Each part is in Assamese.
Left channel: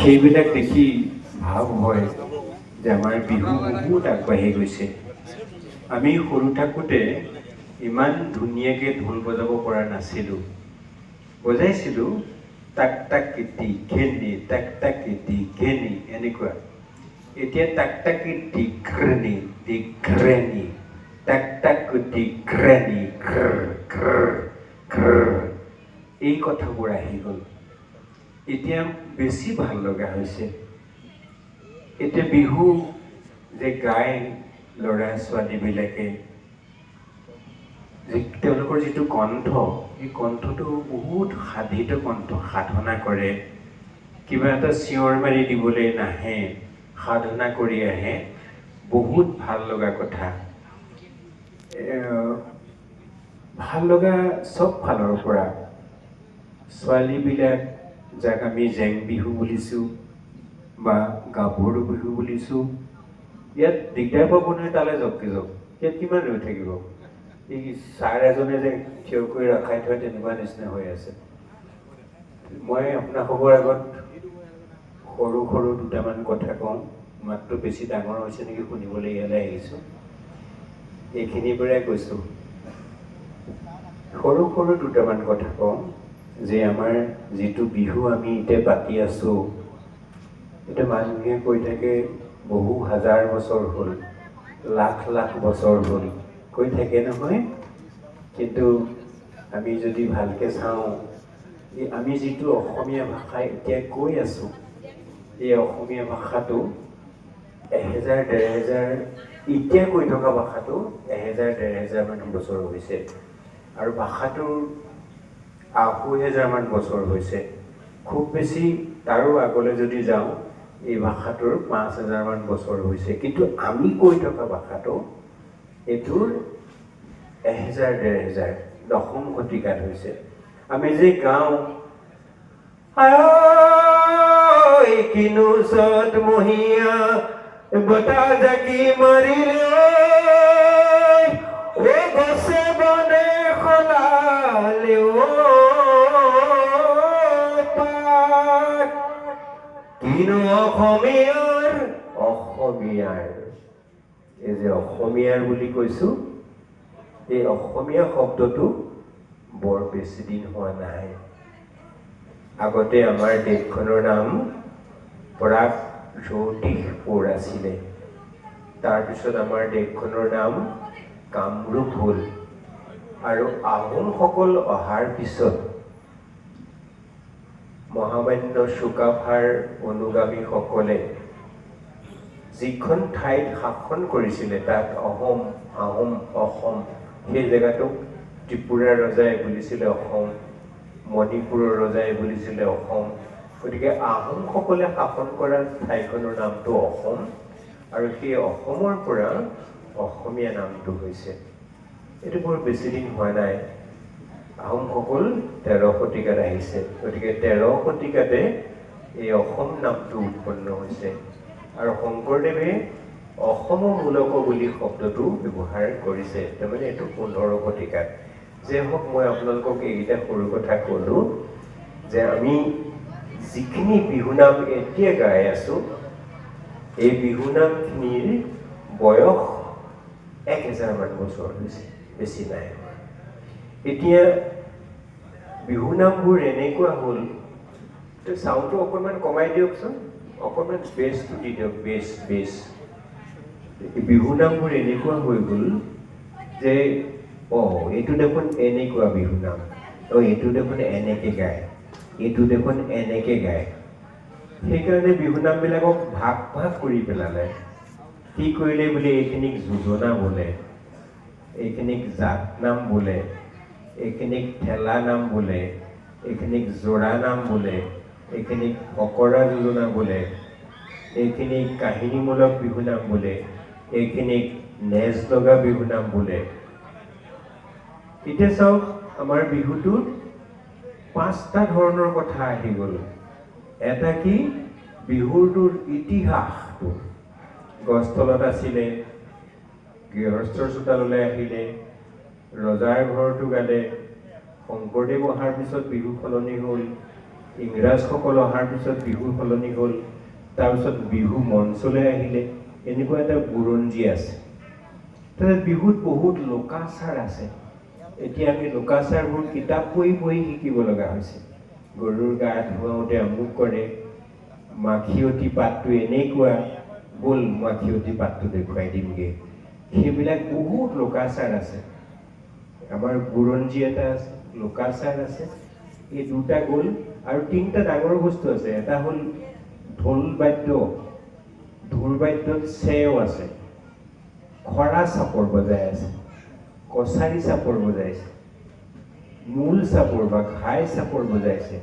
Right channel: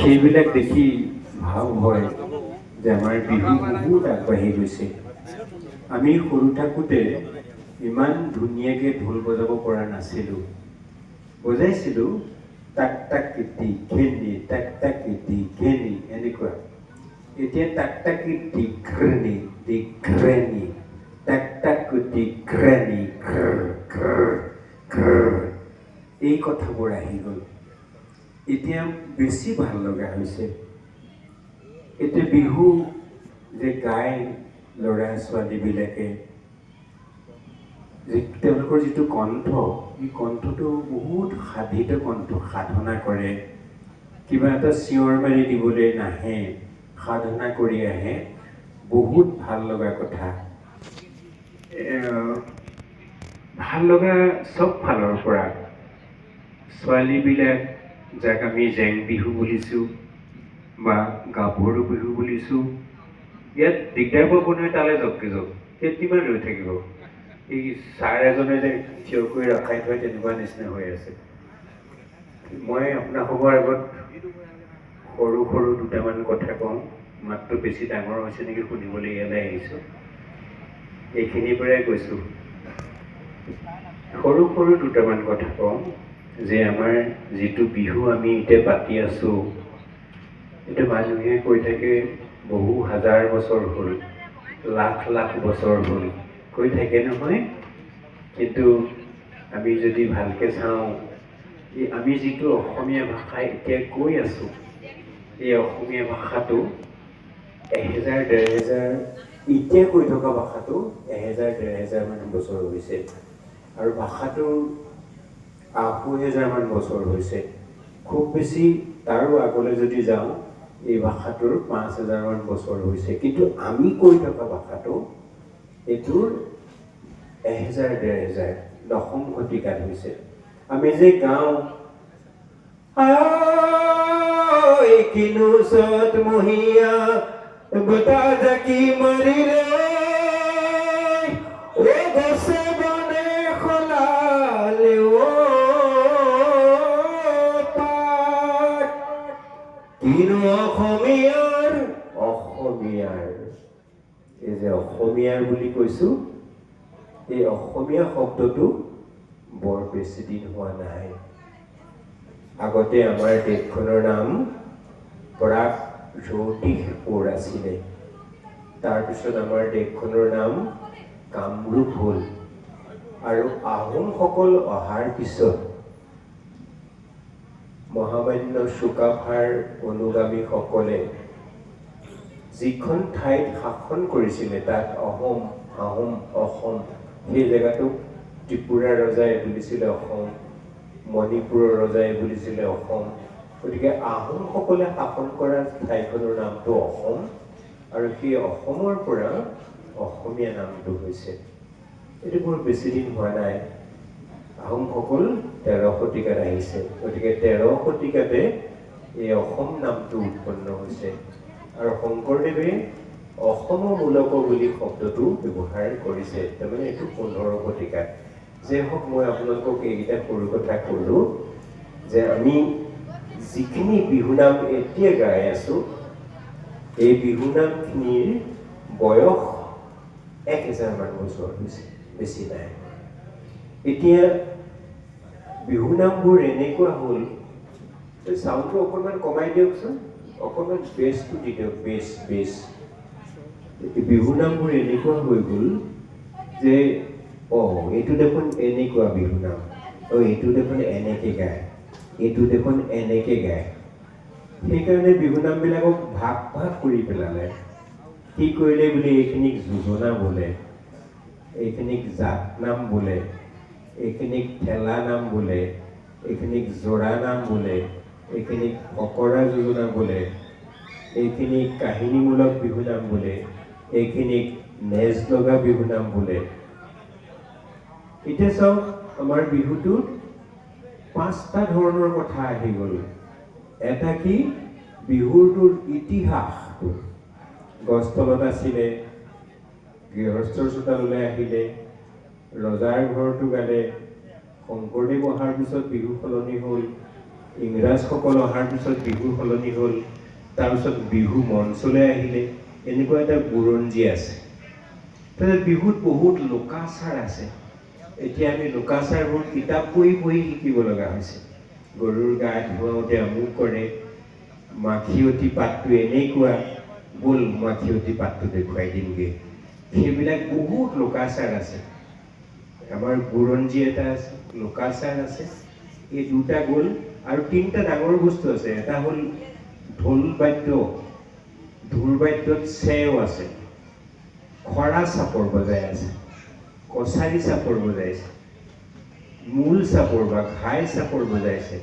সেইবিলাক দেখি ভাৱ হয় যে আমাৰ বিহু বহুত আগবাঢ়ি গৈছে। আমি সৰু থাকোঁতে ইমান ধুনীয়াকৈ ঢোল বজাব পৰা নাছিলোঁ। বজাইছিলোঁ টাক টাক কিটি ঘেনি টাক টাক কিটি ঘেনি এনেকুৱা। এতিয়া টাক টাক কিটি ঘ্ৰেনি দিঘ্ৰেনি টাক টাক কুটি ঘ্ৰেনি ঘ্ৰ ঘ্ৰ ঘ্ৰ এই কথাবোৰ আহি গ'ল। এতিয়া বেছি ভাল লগা হৈছে। এতিয়া বিহু যে গায় ল'ৰা ছোৱালীবিলাকে, যে তেওঁলোকৰ যিটো কণ্ঠ, এই কণ্ঠটো বহুত সাধিত কণ্ঠ, সাধনা কৰে। কিবা এটা চিঞৰ মাৰি দিবলৈ নাহে, সাধনা কৰি আহে। বহুত ভাল লগা কথা। ভাল লগা চব ফালৰ পৰা। ছোৱালীবিলাক যাক আমি জেং বিহু বুলিছোঁ বা গাভৰু বিহু বুলিছোঁ, ইয়াত দিগদাৰ পাব নহয়। তালে যাওক ইয়াত কিমান ৰৈ থাকিব? এই ছাৰ এজনে যে থিয় কৰি ৰখাই থয় তেনেকুৱা নিচিনা হৈ আছে। মই আপোনালোকৰ আগত সৰু সৰু দুটামান কথা কওঁ। মাতটো বেছি ডাঙৰ হৈছে নেকি শুনিবলৈ ইয়ালৈ আহিছোঁ। এইখিনিৰ পৰাই কৈছোঁ। সৰু সৰু দুটামান কথা কওঁ যে আমাৰ যিটো বিহু আমি এতিয়া পাতি আছোঁ, এতিয়া মানুহে কৈ থাকে বহু হাজাৰ বছৰ হ'ল, লাখ লাখ বছৰ হ'ল, কৈ থাকে নহয়। কিন্তু আমি যদি ভালকৈ চাওঁ, এই আমি যিটো অসমীয়া ভাষা এতিয়া কৈ আছোঁ, এই অসমীয়া ভাষাটো 1000-1500 এতিয়া কৈ থকা ভাষাটো 1000-1500 মান বছৰ হৈছে। আৰু ভাষাটোৰ 2,000 মান বছৰ হৈছে। খুব বেছি তাৰো আগলৈ যদি যাওঁ, এই ভাষাটোৰ 5,000 মান বছৰ হৈছে। কিন্তু আমি কৈ থকা ভাষাটো এইটোৰ 1000-1500 দশম শতিকাত হৈছে। আমি যে গাওঁ কিনো চত মহীয়া বতাহ জাকি মাৰিলে, গছে বনে সলালে কিনো অসমীয়াৰ এই যে অসমীয়াৰ বুলি কৈছোঁ, এই অসমীয়া শব্দটো বৰ বেছি দিন হোৱা নাই। আগতে আমাৰ দেশখনৰ নাম প্ৰাগজ্যোতিষপুৰ আছিলে। তাৰপিছত আমাৰ দেশখনৰ নাম কামৰূপ হ'ল। আৰু আহোমসকল অহাৰ পিছত মহামান্য চুকাফাৰ অনুগামীসকলে যিখন ঠাইত শাসন কৰিছিলে, তাত অসম, সেই জেগাটোক ত্ৰিপুৰাৰ ৰজাই বুলিছিলে অসম, মণিপুৰৰ ৰজাই বুলিছিলে অসম। গতিকে আহোমসকলে শাসন কৰা ঠাইখনৰ নামটো অসম, আৰু সেই অসমৰ পৰা অসমীয়া নামটো হৈছে। এইটো বৰ বেছি দিন হোৱা নাই। আহোমসকল 13 শতিকাত আহিছে। গতিকে 13 শতিকাতে এই অসম নামটো উৎপন্ন হৈছে। আৰু শংকৰদেৱে অসমমূলক বুলি শব্দটো ব্যৱহাৰ কৰিছে। তাৰমানে এইটো 15 শতিকাত। যে হওক, মই আপোনালোকক এইকেইটা সৰু কথা ক'লোঁ যে আমি যিখিনি বিহুনাম এতিয়া গাই আছোঁ, এই বিহুনামখিনিৰ বয়স 1000 মান বছৰ হৈছে, বেছি নাই। এতিয়া বিহুনামবোৰ এনেকুৱা হ'ল, চাউণ্ডটো অকণমান কমাই দিয়কচোন, অকণমান বেছটো দি দিয়ক, বেছ। বিহুনামবোৰ এনেকুৱা হৈ গ'ল যে এইটো দেখোন এনেকুৱা বিহুনাম, এইটো দেখোন এনেকৈ গায়, এইটো দেখোন এনেকৈ গায়। সেইকাৰণে বিহুনামবিলাকক ভাগ ভাগ কৰি পেলালে। কি কৰিলে বুলি এইখিনিক যোজনা বোলে, এইখিনিক জাত নাম বোলে, এইখিনিক ঠেলা নাম বোলে, এইখিনিক জোৰা নাম বোলে, এইখিনিক ফকৰা যোজনা বোলে, এইখিনিক কাহিনীমূলক বিহুনাম বোলে, এইখিনিক নেজ লগা বিহুনাম বোলে। এতিয়া চাওক, আমাৰ বিহুটোত 5টা ধৰণৰ কথা আহি গ'ল। এটা কি? বিহুটোৰ ইতিহাসটো। গছ তলত আছিলে, গৃহস্থৰ চোতাললৈ আহিলে, ৰজাৰ ঘৰটো গালে, শংকৰদেৱ অহাৰ পিছত বিহু সলনি হ'ল, ইংৰাজসকল অহাৰ পিছত বিহু সলনি হ'ল, তাৰপিছত বিহু মঞ্চলৈ আহিলে, এনেকুৱা এটা বুৰঞ্জী আছে। তাৰপিছত বিহুত বহুত লোকাচাৰ আছে। এতিয়া আমি লোকাচাৰবোৰ কিতাপ পঢ়ি পঢ়ি শিকিব লগা হৈছে। গৰুৰ গা ধুৱাওঁতে আমুক কৰে, মাখিয়তী পাতটো এনেকুৱা, ব'ল মাখিয়তী পাতটো দেখুৱাই দিমগৈ। সেইবিলাক বহুত লোকাচাৰ আছে। আমাৰ বুৰঞ্জী এটা আছে, লোকাচাৰ আছে। এই দুটা গ'ল আৰু তিনিটা ডাঙৰ বস্তু আছে। এটা হ'ল ঢোল বাদ্য, ঢোল বাদ্যত চেও আছে, খৰা চাপৰ বজাই আছে, কছাৰী চাপৰ বজাইছে, মূল চাপৰ বা ঘাই চাপৰ বজাইছে।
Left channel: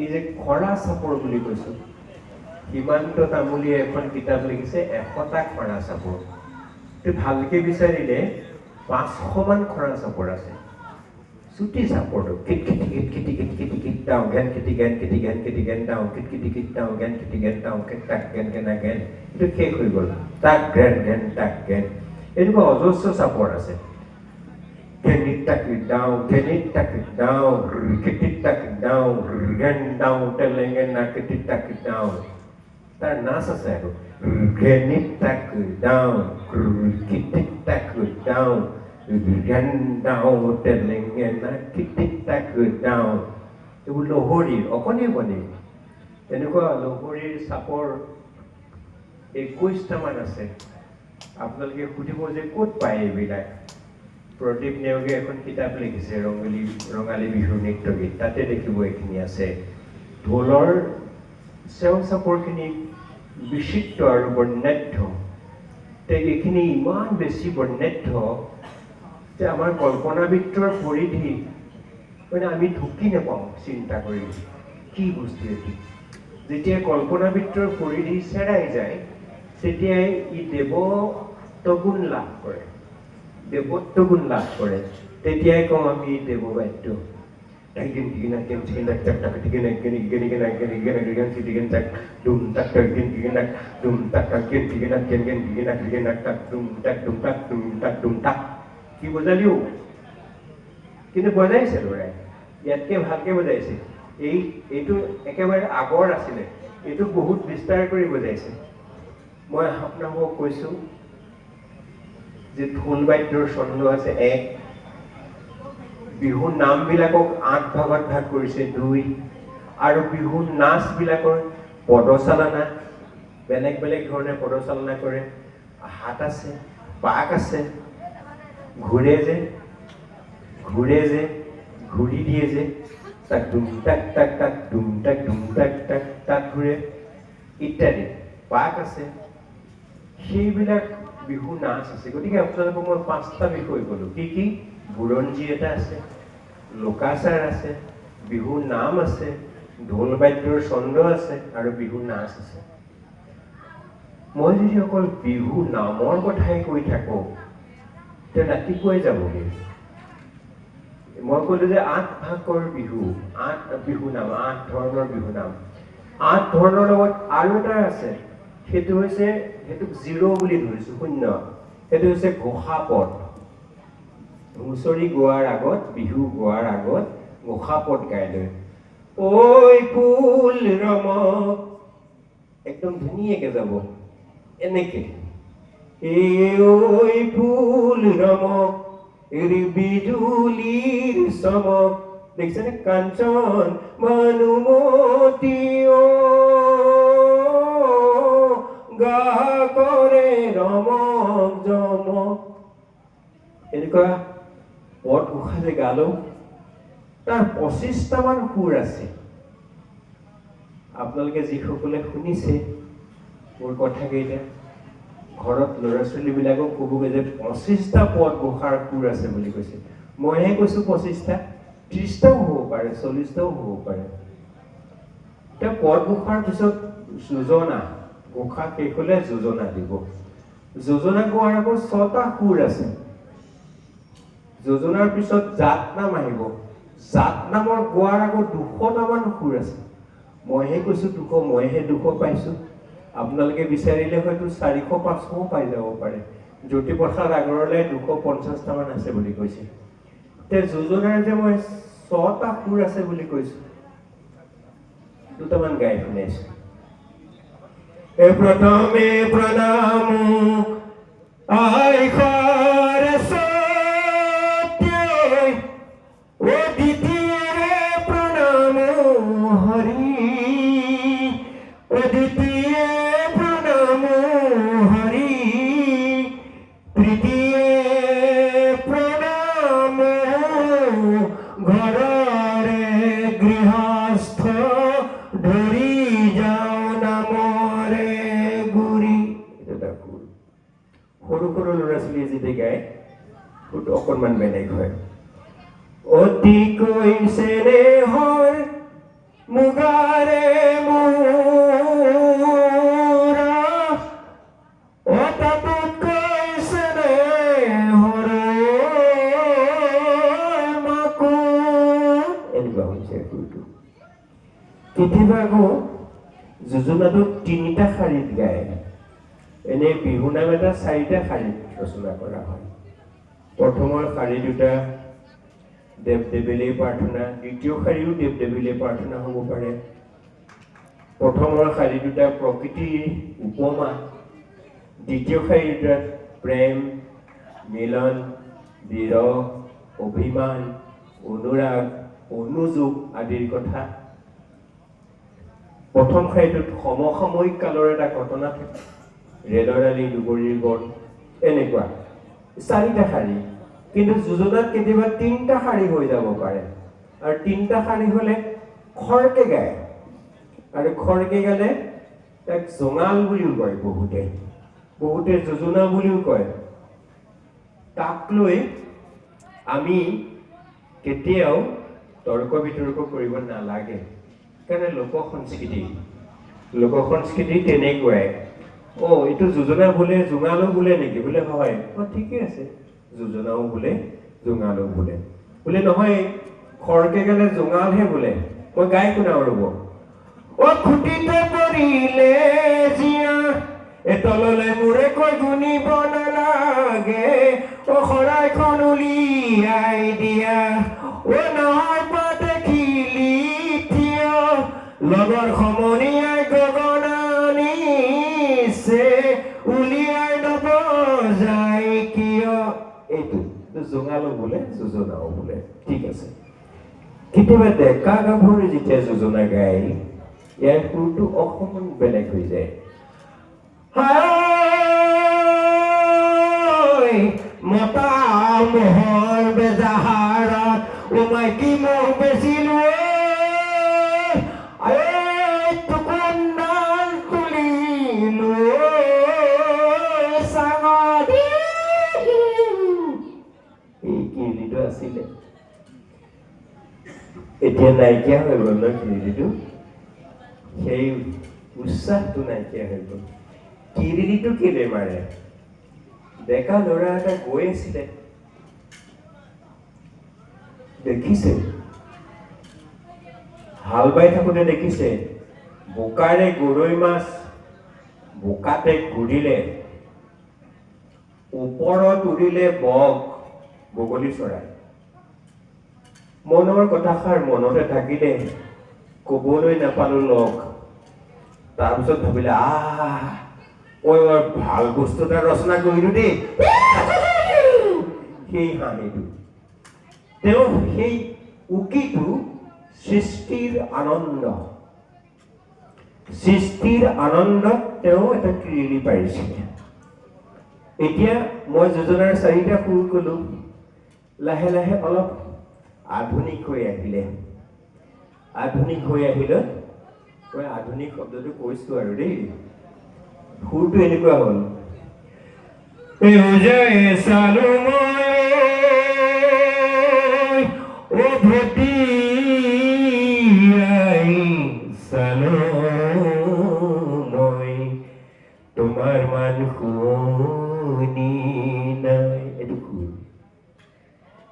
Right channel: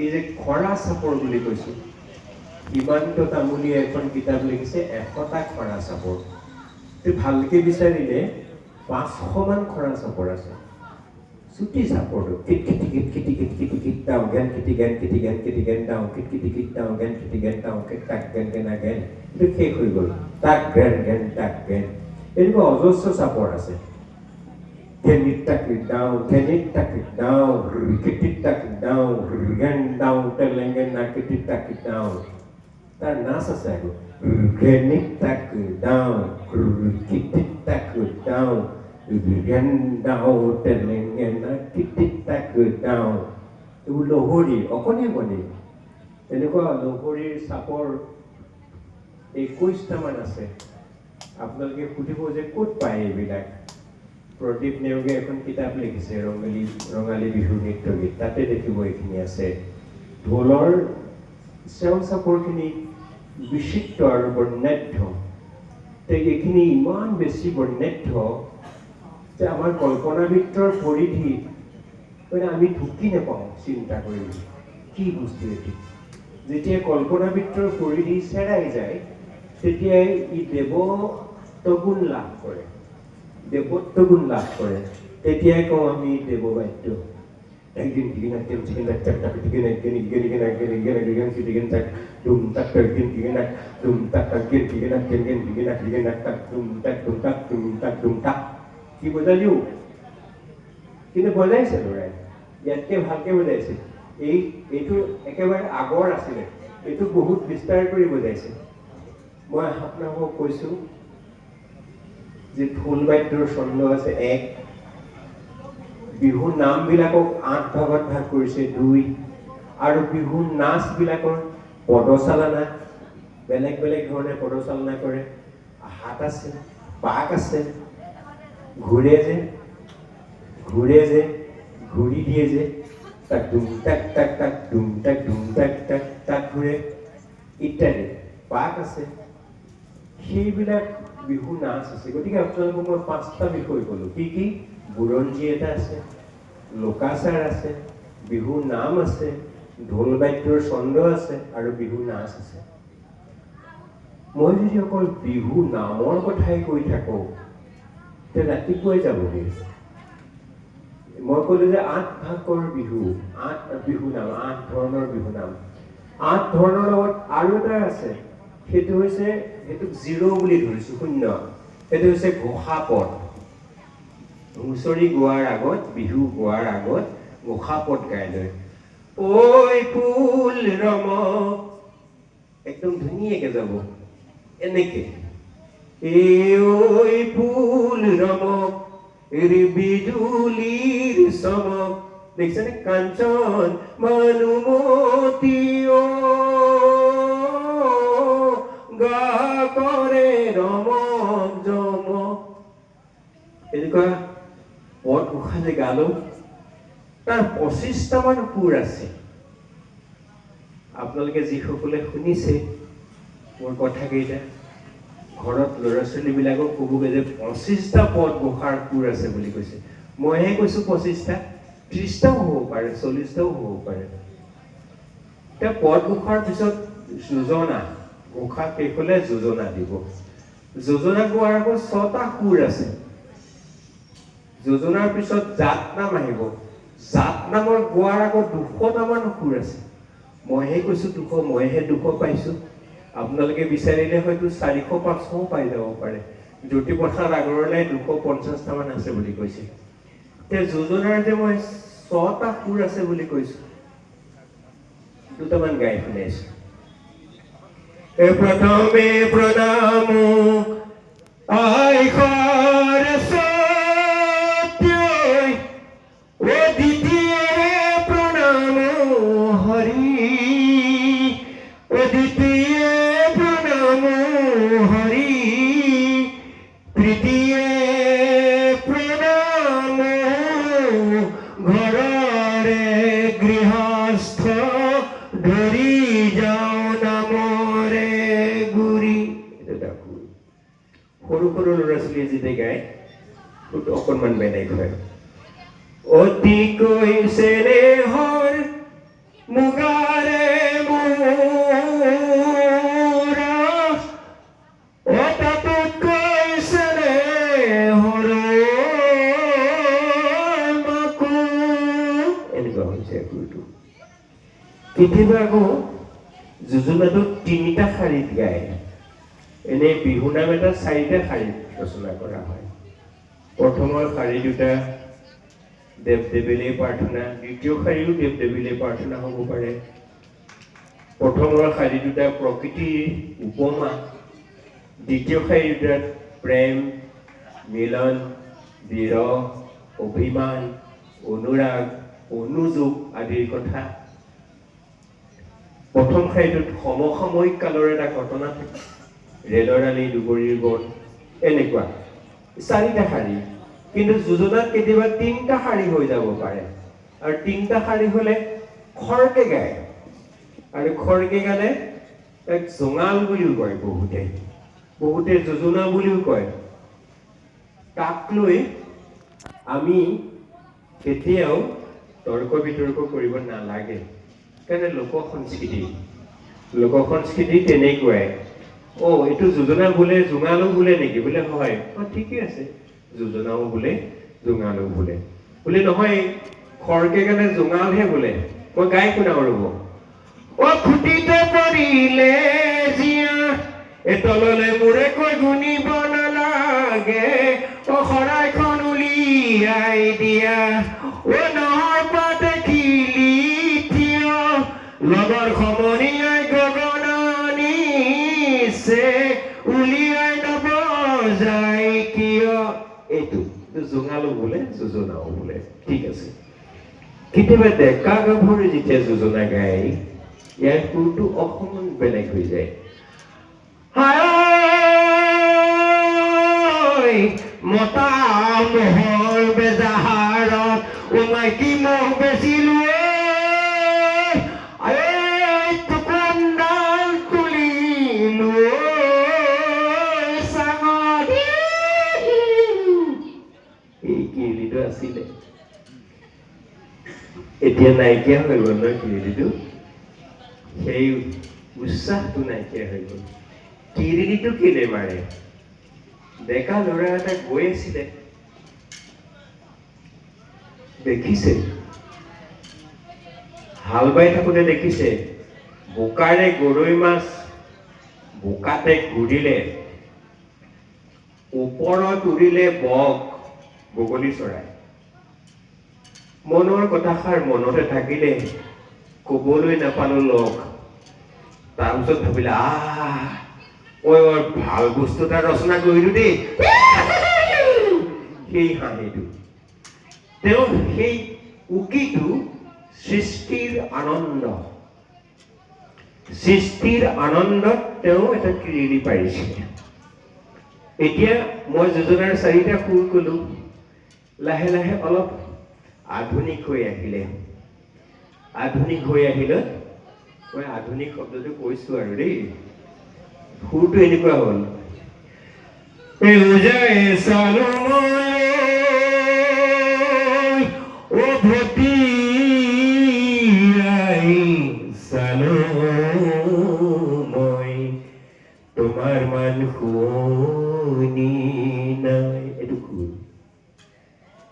এই যে খৰা চাপৰ বুলি কৈছোঁ, হিমান্ত তামুলীয়ে এখন কিতাপ লিখিছে 100টা খৰা চাপৰ। ভালকে বিচাৰিলে 500মান খৰা চাপৰ আছে। চুটি চাপৰটো কিট খিটি কিট খিটি কিট খিটি কিট ডাওঁ গেন খিটি গেন খিটি গেন খিটি গেন ডাওঁ কিট খিটি কিট ডাওঁ গেন খিটি গেন ডাওঁ কিট তাক গেন গেনা গেন, এইটো শেষ হৈ গ'ল। তাক গেন গেন তাক গেন, এনেকুৱা অজস্ৰ চাপৰ আছে। গেনিত তাক ডাওঁ, গেনিত তাক ডাওঁ, কিটিত তাক ডাওঁ, গেন ডাওঁ তেলেঙ্গেনা কিটিত তাক ডাওঁ। তাৰ নাচ আছে আৰু গেনিত তাক ডাওঁ, কিটিত তাক ডাওঁ, গেন ডাওঁ তেলেঙ্গেনা কিটিত তাক ডাওঁ। এইবোৰ লহৰী, অকণি অকণি এনেকুৱা লহৰীৰ চাপৰ 21টামান আছে। আপোনালোকে সুধিব যে ক'ত পায় এইবিলাক। প্ৰদীপ নেওগে এখন কিতাপ লিখিছে, ৰঙালী বিহু নৃত্য গীত, তাতে দেখিব এইখিনি আছে। ঢোলৰ চেও চাপৰখিনি বিচিত্ৰ আৰু বৰ্ণাঢ্য। এইখিনি ইমান বেছি বৰ্ণাঢ্য যে আমাৰ কল্পনাবিত্তৰ পৰিধি মানে আমি ঢুকি নাপাওঁ চিন্তা কৰি কি বস্তু এটি। যেতিয়া কল্পনাবিত্তৰ পৰিধি চেৰাই যায়, তেতিয়াই ই দেৱত্বগুণ লাভ কৰে, দেৱত্বগুণ লাভ কৰে। তেতিয়াই কওঁ আমি দেৱবাদ্য। কি বজালিও, কিন্তু বজাইছে ল'ৰাই, ইয়াতকে ভালকে বজাইছে। এইটো একেবাৰে আগৰ আছিলে, এইটো বহুত বিস্তাৰ কৰি বজাইছে। মই আপোনালোকক কৈছোঁ যে ঢোল বাদ্যৰ ছন্দ আছে 1, বিহু নামবিলাকক 8 ভাগত ভাগ কৰিছে 2, আৰু বিহু নাচবিলাকৰ পদচালনা বেলেগ বেলেগ ধৰণে পদচালনা কৰে। হাত আছে, পাক আছে, ঘূৰে যে ঘূৰি দিয়ে যে, তাক দুম তাক তাক তাক দুম তাক তাক তাক ঘূৰে ইত্যাদি। পাক আছে, সেইবিলাক বিহু নাচ আছে। গতিকে আপোনালোকক মই 5টা বিষয় ক'লোঁ। কি কি? বুৰঞ্জী এটা আছে, লোকাচাৰ আছে, বিহু নাম আছে, ঢোল বাদ্যৰ ছন্দ আছে আৰু বিহু নাচ আছে। মই যদি অকল বিহু নামৰ কথাই কৈ থাকোঁ তেতিয়া ৰাতিপুৱাই যাবগৈ। মই ক'লো যে 8 ভাগৰ বিহু, 8 বিহু নাম, 8 ধৰণৰ বিহু নাম। 8 ধৰণৰ লগত আৰু এটা আছে, সেইটো হৈছে, সেইটোক 0 বুলি ধৰিছোঁ, 0। সেইটো হৈছে ঘোষাপদ। হুঁচৰি গোৱাৰ আগত, বিহু গোৱাৰ আগত ঘোষাপদ গাই লয়। ঐ ফুল ৰমক, একদম ধুনীয়াকে যাব এনেকে। ঐ ফুল ৰমক বিজুলীৰ চমক, দেখিছেনে? কাঞ্চন ভানুমতী গা কৰে ৰমক জমক। এনেকুৱা পদ ঘোষালে গালো। তাৰ 25টামান সুৰ আছে। আপোনালোকে যিসকলে শুনিছে মোৰ কথাকেইটা, ঘৰত ল'ৰা ছোৱালীবিলাকক ক'বগৈ যে 25টা পদ ঘোষাৰ সুৰ আছে বুলি কৈছে। মইহে কৈছোঁ 25টা, 30টাও হ'ব পাৰে, 40টাও হ'ব পাৰে। এতিয়া পদ ঘোষাৰ পিছত যোজনা, ঘোষা শেষ হ'লে যোজনা দিব। যোজনা গোৱাৰ আগত 6টা সুৰ আছে। যোজনাৰ পিছত জাত নাম আহিব। জাত নামৰ গোৱাৰ আগত 200টামান সুৰ আছে। মইহে কৈছোঁ 200, মইহে 200 পাইছোঁ। আপোনালোকে বিচাৰিলে হয়তো 400-500 পাই যাব পাৰে। জ্যোতিপ্ৰসাদ আগৰৱালাই 250টামান আছে বুলি কৈছে। এতিয়া যোজনাৰ যে মই 6টা সুৰ আছে বুলি কৈছোঁ, দুটামান গাই শুনাইছো প্ৰথমে প্ৰণাম আই সৰস্বতী ও দ্বিতীয় প্ৰণাম হৰি ও দ্বিতীয় প্ৰণাম হৰি তৃতীয় প্ৰণাম ঘৰৰে গৃহস্থ ধৰি যাওঁ নামৰে গুৰি সৰু সৰু ল'ৰা ছোৱালীয়ে যেতিয়া গায় সেইটো অকণমান বেলেগ হয় অতিকৈ চেনেহৰ মুগাৰে মোৰা অতাতকৈ চেনেহৰ মাকো এনেকুৱা হৈছে সুৰটো কেতিয়াবা আকৌ যোজনাটোত তিনিটা শাৰীত গায় এনেই বিহু নাম এটা চাৰিটা শাৰীত ৰচনা কৰা হয় প্ৰথমৰ শাৰী দুটা দেৱ দেৱীলৈ প্ৰাৰ্থনা দ্বিতীয় শাৰীও দেৱ দেৱীলৈ প্ৰাৰ্থনা হ'ব পাৰে প্ৰথমৰ শাৰী দুটা প্ৰকৃতিৰ উপমা দ্বিতীয় শাৰী দুটাত প্ৰেম মিলন বিৰহ অভিমান অনুৰাগ অনুযোগ আদিৰ কথা প্ৰথম শাৰীটোত সমসাময়িক কালৰ এটা ঘটনা থাকে ৰেলৰ আলি দুবৰিৰ বন এনেকুৱা চাৰিটা শাৰী কিন্তু যোজনাত কেতিয়াবা তিনিটা শাৰী হৈ যাব পাৰে আৰু তিনিটা শাৰী হ'লে খৰকে গায় আৰু খৰকে গালে তাক জঙাল বুলিও কয় বহুতে যোজনা বুলিও কয় তাক লৈ আমি কেতিয়াও তৰ্ক বিতৰ্ক কৰিব নালাগে কাৰণে লোক সংস্কৃতি তেনেকুৱাই এইটো যোজনা বোলে জোঙালো বোলে নেকি বোলে হয় ঠিকে আছে যোজনাও বোলে জোঙালো বোলে নহয় খৰকে গালে জোঙালহে বোলে মই গাই শুনাও ৰ'ব খুটিতে পৰিলে জীয়া তললে মূৰে কৈ গুণিব নালাগে শৰাইখন উলিয়াই দিয়া নহয় পা দেখিলি থিয় লগৰ সমনীয়াই গগনানিছে উলিয়াই নব যায় কিয় এইটো জোঙালো বোলে যোজনাও বোলে ঠিক আছে কেতিয়াবা ডেকা গাভৰু যেতিয়া যোজনা গায় ইয়াৰ সুৰটো অকণমান বেলেগ হৈ যায় মতা মহল বেজাহাৰত মাইকী মহ বেচিলো টুকুন্দাল তুলিলো চাঙত এই কিৰিলিটো আছিলে এতিয়া নাইকিয়া হৈ গ'ল ন কিৰিলিটো সেই উৎসাহটো নাইকিয়া হৈ গ'ল কিৰিলিটো কেলে মাৰে ডেকা ল'ৰা এটা গৈ আছিলে দেখিছে হাল বাই থাকোঁতে দেখিছে বোকাৰে গৰৈ মাছ বোকাতে ঘূৰিলে ওপৰত উৰিলে বগলী চৰাই মনৰ কথাষাৰ মনতে থাকিলে ক'বলৈ নাপালো লগ তাৰপিছত ভাবিলে ভাল বস্তু এটা ৰচনা কৰিলো দেই সেই হাঁহিটো তেওঁ সেই উকিটো সৃষ্টিৰ আনন্দত তেওঁ এটা কিৰিলি পাৰিছে এতিয়া মই যোজনাৰ চাৰিটা সুৰ কলো লাহে লাহে অলপ আধুনিক হৈ আহিলে মই আধুনিক শব্দটো কৈছো আৰু দেই সুৰটো এনেকুৱা হ'ল তোমাৰ মান শুনি নাই এইটো সুৰ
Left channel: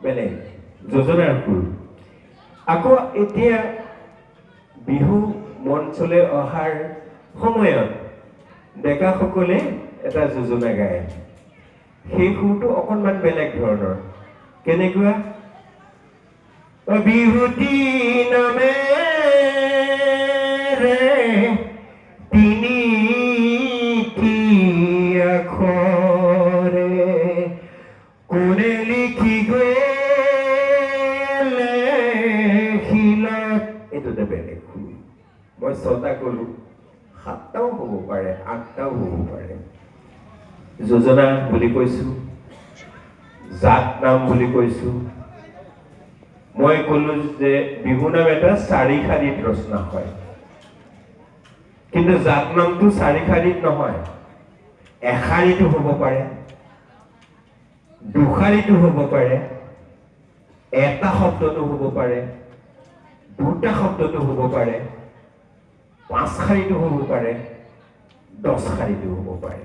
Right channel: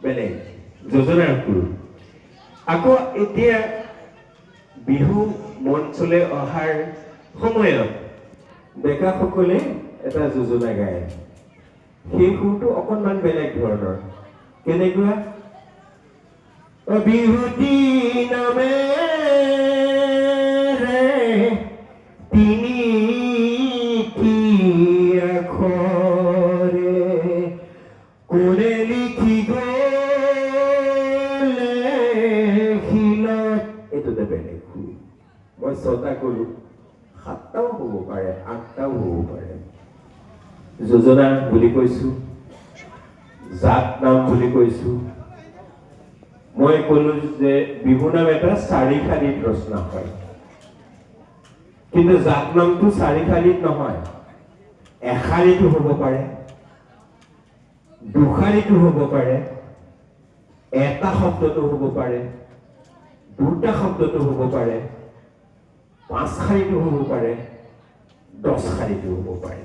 বেলেগ যোজনাৰ সুৰ আকৌ এতিয়া বিহু মঞ্চলৈ অহাৰ সময়ত ডেকাসকলে এটা যোজনা গায় সেই সুৰটো অকণমান বেলেগ ধৰণৰ কেনেকুৱা বিহুতি নামে রে তিনি কি আখরে কোনে লিখি গলে খিলাত এইটোতে বেলেগ মই 6টা কলো 7টাও হ'ব পাৰে 8টাও হ'ব পাৰে যোজনা বুলি কৈছো জাত নাম বুলি কৈছো মই কলো যে বিহু নাম এটা 4 শাৰীত ৰচনা হয় কিন্তু জাত নামটো 4 শাৰীত নহয় এশাৰীটো হ'ব পাৰে দুশাৰীটো হ'ব পাৰে এটা শব্দটো হ'ব পাৰে দুটা শব্দটো হ'ব পাৰে 5 শাৰীটো হ'ব পাৰে 10 শাৰীটো হ'ব পাৰে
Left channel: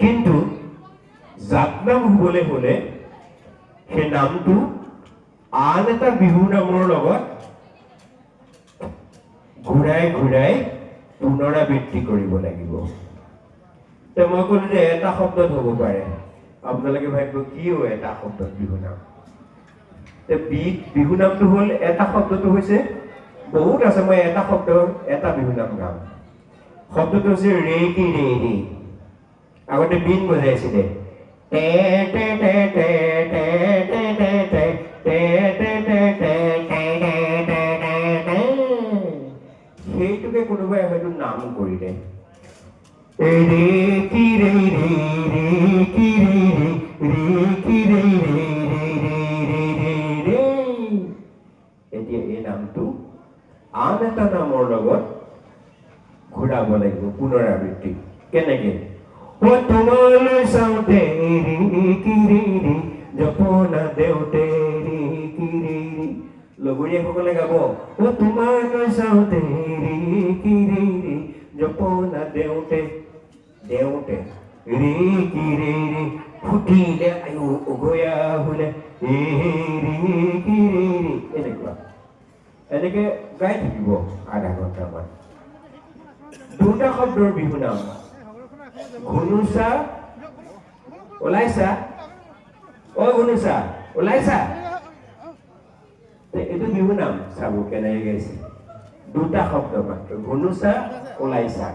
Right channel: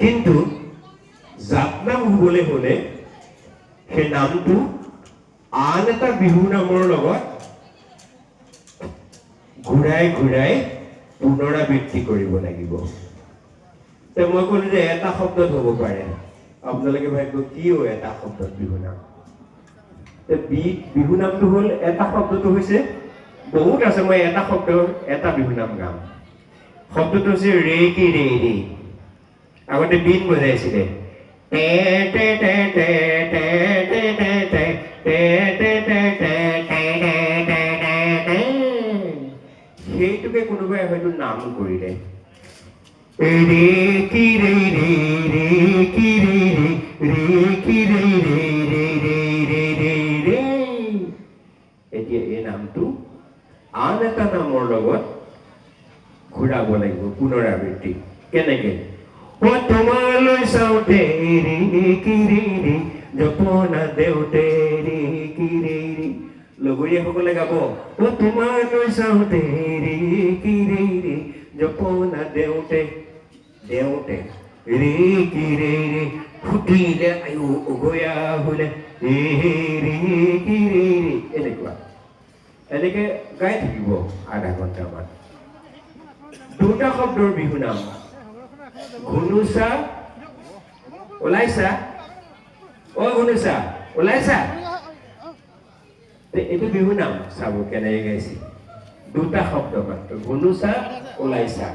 কিন্তু জাত নাম হ'বলৈ হ'লে সেই নামটো আন এটা বিহু নামৰ লগত ঘূৰাই ঘূৰাই পুনৰাবৃত্তি কৰিব লাগিব তে মই ক'লো যে এটা শব্দত হ'ব পাৰে আপোনালোকে ভাবিব কিয় এটা শব্দত বিহু নাম তে বিহু নামটো হ'ল এটা শব্দটো হৈছে বহুত আছে মই এটা শব্দ এটা বিহু নাম গাম শব্দটো হৈছে ৰে কি ৰে ৰে আগতে বিন বজাইছিলে টে টে টে টে টে টে টে টে টে টে টে টে টে সেইটোকে কোনোবাই হয়তো নাম কৰিলে ৰে কি ৰে ৰে ৰে কি ৰে ৰে ৰে কি ৰে ৰে ৰে ৰে ৰে ৰে ৰে এতিয়া এই নামটো আন এটা নামৰ লগত ঘূৰাব লাগিব পুনৰাবৃত্তি কেনেকে ও তোমালৈ চাওঁতে ৰে কি ৰে ৰে জপনা দেউতে ৰে কি ৰে ৰে লগৰীয়াসকলে গাব ও তোমালৈ চাওঁতে ৰে কি ৰে ৰে জপনা দেউতে দেউতে ৰে কি ৰে ৰে ফুটিলে আয়ো উগয়া হ'লে ৰে ৰে কি ৰে ৰে এনেকে গাই থাকিব আধা ঘণ্টামান দুটা শব্দৰ বিহু নাম ঘুনুচা ওলাইছা অ ঘুনুচা ওলাইছা এইটো বিহু নাম চাব কেনেকৈ গাইছে দুটা শব্দ মাত্ৰ ঘুনুচা ওলাইছা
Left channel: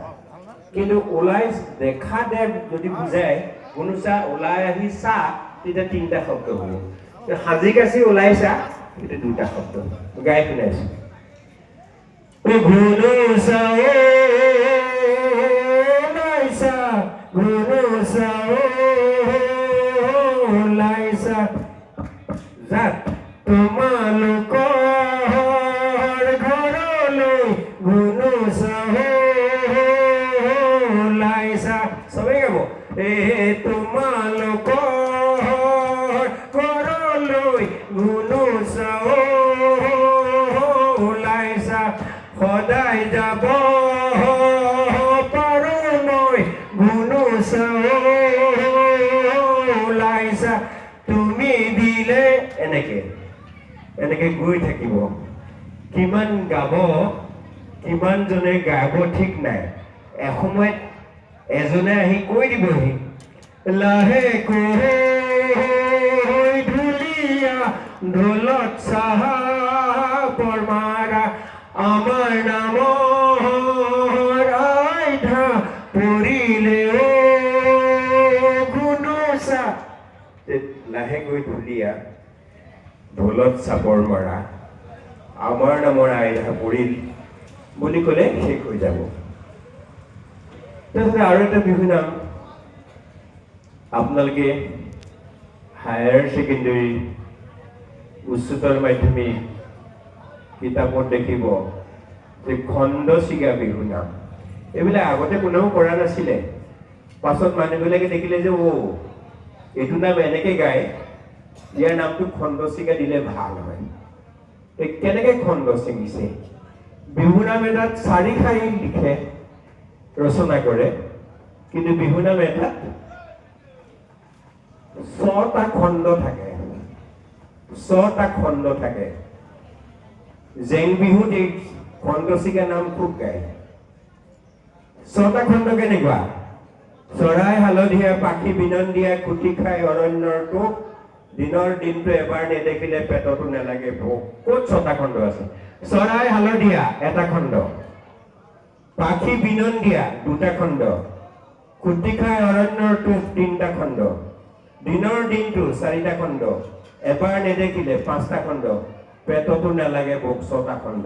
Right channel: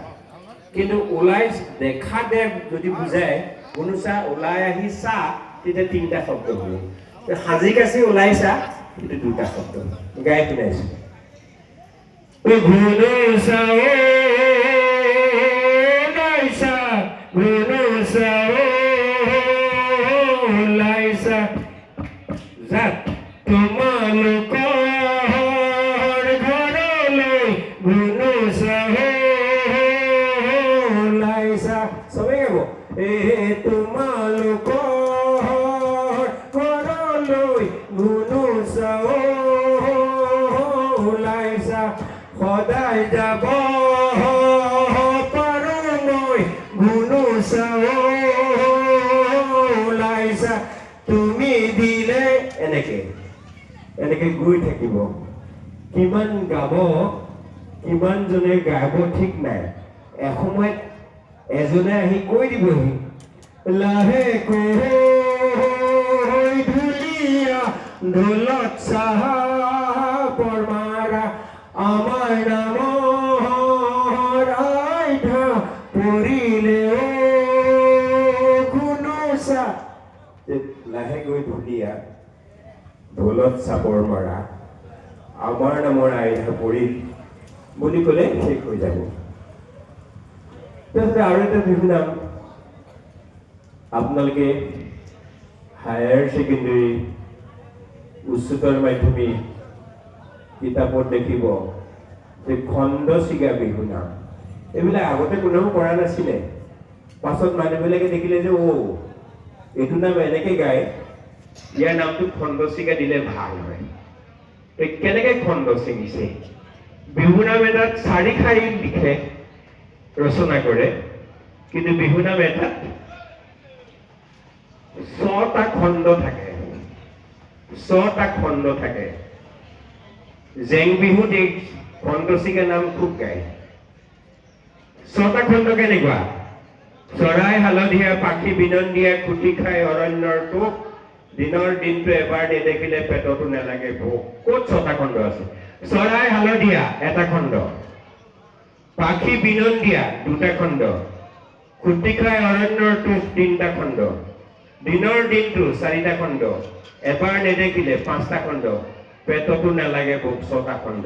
কিন্তু ওলাই দেখা দে যদি বুজায় ঘুনুচা ওলাই আহি চা তেতিয়া 3টা শব্দ হ'ব সাজি কাচি ওলাইছা itu দুটা শব্দ গাই শুনাইছো ঘুনুচা ওলাইছা ঘুনুচা ওলাইছা জাত তোমালোকৰ ঘৰলৈ ঘুনুচা ওলাইছা সবে গাব তোমালোকৰ ঘৰলৈ ঘুনুচা ওলাইছা সদায় যাব পাৰো মই ঘুনুচা ওলাইছা তুমি দিলে এনেকে গৈ থাকিব কিমান গাব কিমান জনে গাব ঠিক নাই এসময়ত এজনে আহি কৈ দিবহি লাহে কৈ ধুলিয়া ঢোলক চাহাবৰ মাৰা আমাৰ নামৰ আইঠা পৰিলে ঘুনুচা লাহে গৈ ধুলিয়া ঢোলত চাপৰ মাৰা আমাৰ নামৰ আইঠা পৰিল বুলি ক'লে শেষ হৈ যাব আৰু এটা বিহু নাম আপোনালোকে হায়াৰ ছেকেণ্ডেৰী উচ্চতৰ মাধ্যমিক কিতাপত দেখিব যে খণ্ড চিগা বিহু নাম এইবিলাক আগতে কোনেও কৰা নাছিলে পাছত মানুহবিলাকে দেখিলে যে এইটো নাম এনেকে গায় ইয়াৰ নামটো খণ্ড চিগা দিলে ভাল হয় কেনেকে খণ্ড ছিঙিছে বিহু নাম এটাত 4 শাৰীত লিখে ৰচনা কৰে কিন্তু বিহু নাম এটাত 6টা খণ্ড থাকে 6টা খণ্ড থাকে জেং বিহুত এই খণ্ড চিগা নাম খুব গায় 6টা খণ্ড কেনেকুৱা চৰাই হালধীয়া পাখি বিনন্দীয়া খুটি খাই অৰণ্যৰ টোপ দিনৰ দিনটো এবাৰ নেদেখিলে পেটতো নেলাগে ভোক ক'ত 6টা খণ্ড আছে চৰাই হালধীয়া এটা খণ্ড, পাখি বিনন্দীয়া দুটা খণ্ড, খুটি খাই অৰণ্যৰ টোপ তিনিটা খণ্ড, দিনৰ দিনটো চাৰিটা খণ্ড, এবাৰ নেদেখিলে পাঁচটা খণ্ড, পেটতো নালাগে ভোক ছটা খণ্ড।